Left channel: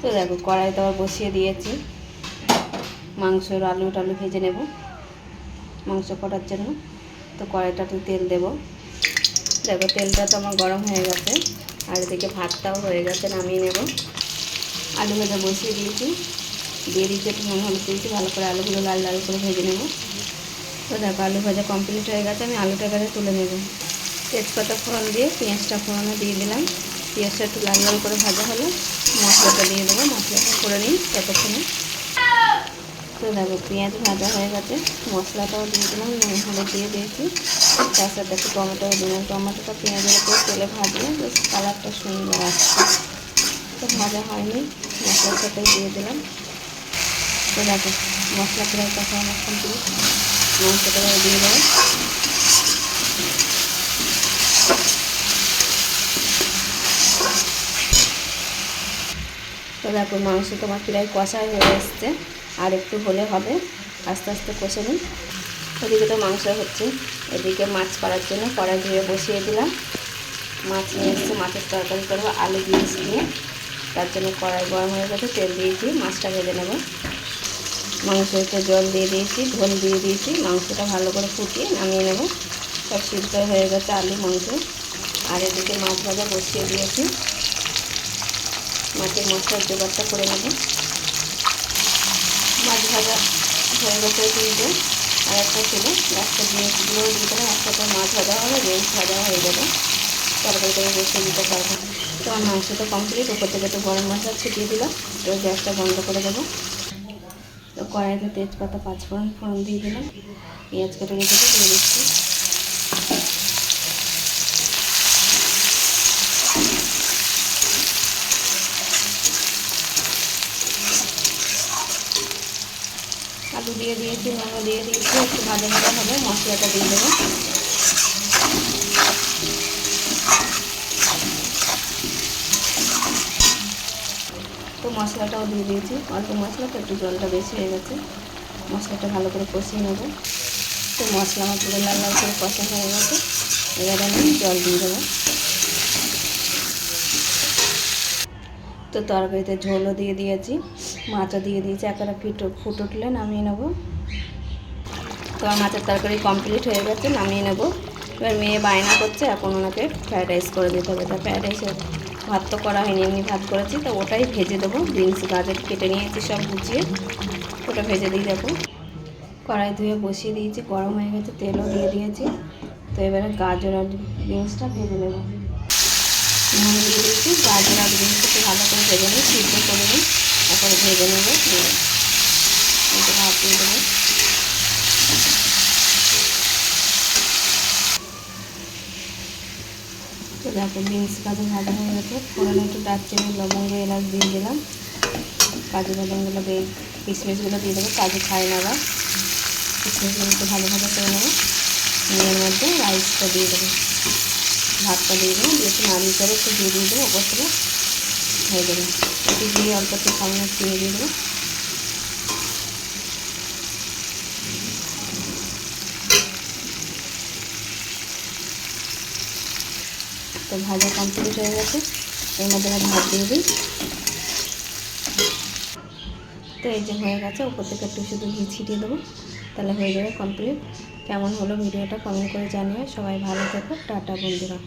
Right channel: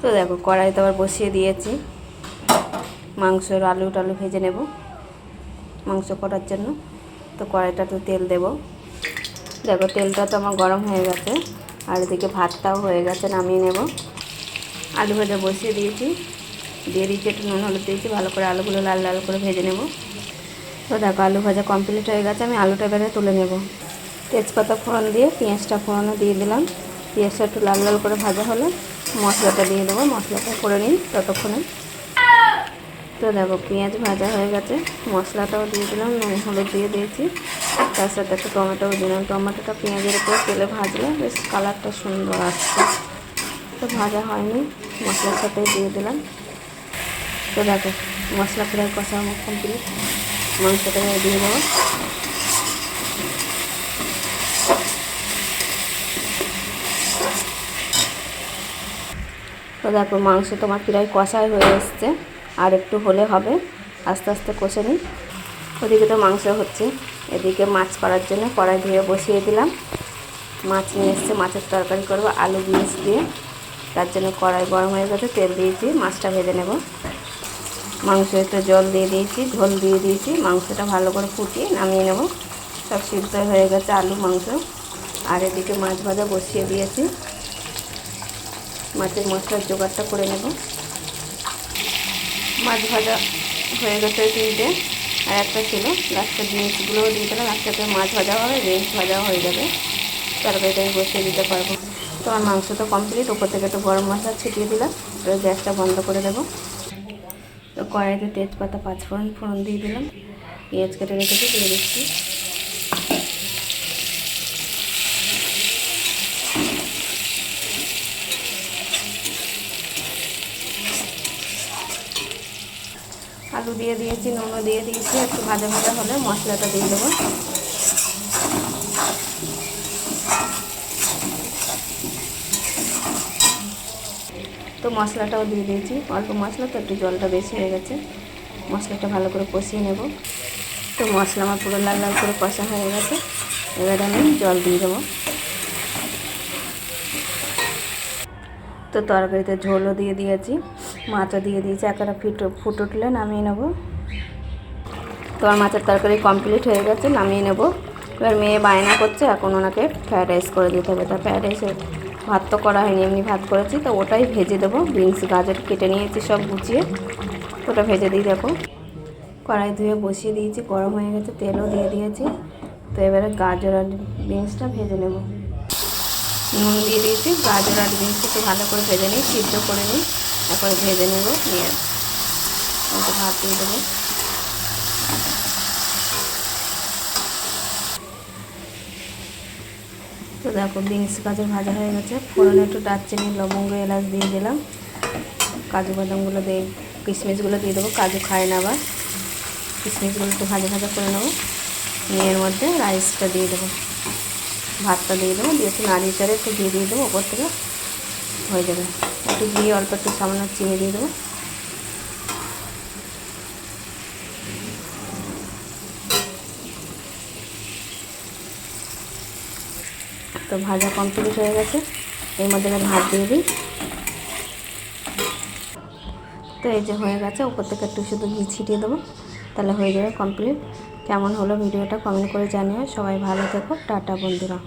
তো দেখো, কড়াইতে আবার বসিয়ে দিয়েছি। মাংসের আলু টালু ভেজে নেব মাংস করার জন্য। তো কড়াইটা তো তেল দেব। দেখো, তেলটা তো আমার গরম হয়ে গেছে, আর এদিকে ভাতটাও হয়ে গেছে, নামিয়ে নেব। আলু ভাজা বসিয়ে দিয়েছি। দিয়ে দিয়েছি একটু নুন, হলুদ দিয়েছি, ভালো করে আলুগুলো লাল লাল করে ভেজে নেব। তো দেখো, আলু ভাজা কমপ্লিট হয়ে গেছে, আমি আলুটা এবারে তুলে নেব। তেজপাতা ফোড়ন দিয়ে, পেঁয়াজটা ফোড়নে দিয়ে দিলাম। পেঁয়াজটা একটু লাল লাল করে ভাজা হলে। মশলাটা দিয়ে দেবো, মশলাটা করে নিই ততক্ষণে। তো দেখো, পেঁয়াজ ভাজা হয়ে গেছে, মশলাটাও দিয়ে দিলাম, নুন, হলুদ দিয়ে দিয়েছি। তার সাথে একটু টমেটোও দিলাম। টমেটোটা পেঁয়াজের উপরে তেলে ভাজলে বেশ কালারটা সুন্দর আসছে। তো ভাজা হয়নি, মশলার সাথেই দিয়ে দিলাম। তো দেখো, মশলা প্রায় কষা আমার কমপ্লিট। মাংসটা দিয়ে দেবো। তো দেখো মাংস তোমার প্রায় কষাই হয়ে এসছে। আর একটু হলে হবে। আস্তে আস্তে কষে নিই। ওদিকে তো মাংস হচ্ছে। এদিকে মাছ করার জন্য কড়াই ধুয়ে বসিয়ে দিলাম। মাছ নিয়ে এসছে। মাছের তরকারি করব আলু বিনস দিয়ে। তার জন্য কড়াই গরম হয়ে গেছে। তেল দিয়েছি মাছটা ভেজে নেব। মাংস একটু জল দিয়ে দিয়েছি, ঝোল দিয়ে দিয়েছি। মাংসটা ভালো করে ফুটিয়ে নামিয়ে নেব। সব সিদ্ধ হয়ে গেছে আলু, মাংস। আর এদিকে মাছ ভাজা বসিয়ে দিয়েছি। মাছের মশলার জোগাড়টা করে নেব। মাছ ভাজা হয়ে গেছে তিনটে। আর একটা ছিল, লাস্টের জিনিসগুলোও দিয়ে দিলাম। একসাথে মাছ ভাজা হবে রেঞ্জ ভাজাও হয়ে যাবে। তরকারিটা আমি বসিয়ে দিতে পারব। তো আমার মাংস তো কমপ্লিট উপর থেকে একটু গরম মশলা ছিটিয়ে দিলাম। তো গ্যাসটা বন্ধ করে দেবো। তো কড়াইতে তেজপাতা, পাঁচফোড়ন, ফোড়ন দিয়ে দিলাম। পেঁয়াজ কেটে রেখেছি, দিয়ে দিচ্ছি। আলু দিয়ে দিয়েছি, নুনও দিয়ে দিয়েছি, একটু ভাজা ভাজা হবে, মশলাটা দিয়ে দেবো। তো মশলাটাও দিয়ে দিয়েছি, অল্প মশলা, তো একটু জলটা বেশি হয়ে গেছে। মশলাটা ভালো করে কষিয়ে নেব। তো মশলা আমার পুরো লাল লাল করে কষা হয়ে গেছে। এবারে আমি জল দিয়ে দেবো। তো তরকারিতে ঝোলও দিয়ে দিয়েছি। মাছও দিয়ে দিয়েছি একটা ফুটো, ফুট উঠলে নামিয়ে নেব। তো আমার মাছের তরকারি কমপ্লিট হয়ে গেছে, নামিয়ে নেব। এবার মেয়ে বায়না করছে, এখন ওনাকে ফ্রায়েড রাইস করে দিতে হবে। তা ফ্রায়েড রাইসের ভাত তো করা হয়নি, এমনি ভাত করেছি। তো ওটাই ভেজে দেবো বিনস গাজর কেটে নিয়েছি সব গুছিয়ে। ওটা ভেজে দিয়ে যাব কড়াই ধুয়ে বসিয়ে দিয়েছি, গরম হয়ে গেছে, তেলও দিয়ে দিয়েছি। তো এবারে গাজর আর বিনসটা ভেজে নেব। নুন দিয়ে দিয়েছি, গাজর আর বিনসটা ভালো করে ভেজে নিই সিদ্ধ করে নিই। তারপরে ভেজে নেব নিয়ে একটু ভাত দিয়ে দেবো। তো দেখো বিনস কাজু ভাজা হয়ে গেছে। ফোড়নে একটু দারচিনি, লবঙ্গ, এলাচ দিয়ে দিলাম। কাজু বাদামগুলো দিয়ে, কিশমিশগুলো দিয়ে দেবো। কাজু খায় না বা কিশমিশগুলো একটু ভাজা ভাজা করে নেব। নিয়ে এর মধ্যে রাইসটা দিয়ে দেবো। ভাতটা দিয়ে দেবো। দিয়ে একটু নাড়িয়ে একটু দিয়ে দিয়ে দেবো। ওপর থেকে হয়ে যাবে। একটু দিয়ে অল্প একটু সামান্য চিনি দিয়ে দেবো। তো ভাজা কমপ্লিট হয়ে গেছে। এর মধ্যে আমি ভাত দিয়ে দিই। তো এই যে হয়ে গেছে, উপর থেকে একটু শুধু ঘি ছিটিয়ে দেবো। তাহলে হয়ে যাবে কমপ্লিট কেমন হলো ভিডিওটা কমেন্ট করে জানিও। সবাই ভালো থেকো। টাটা বন্ধুরা।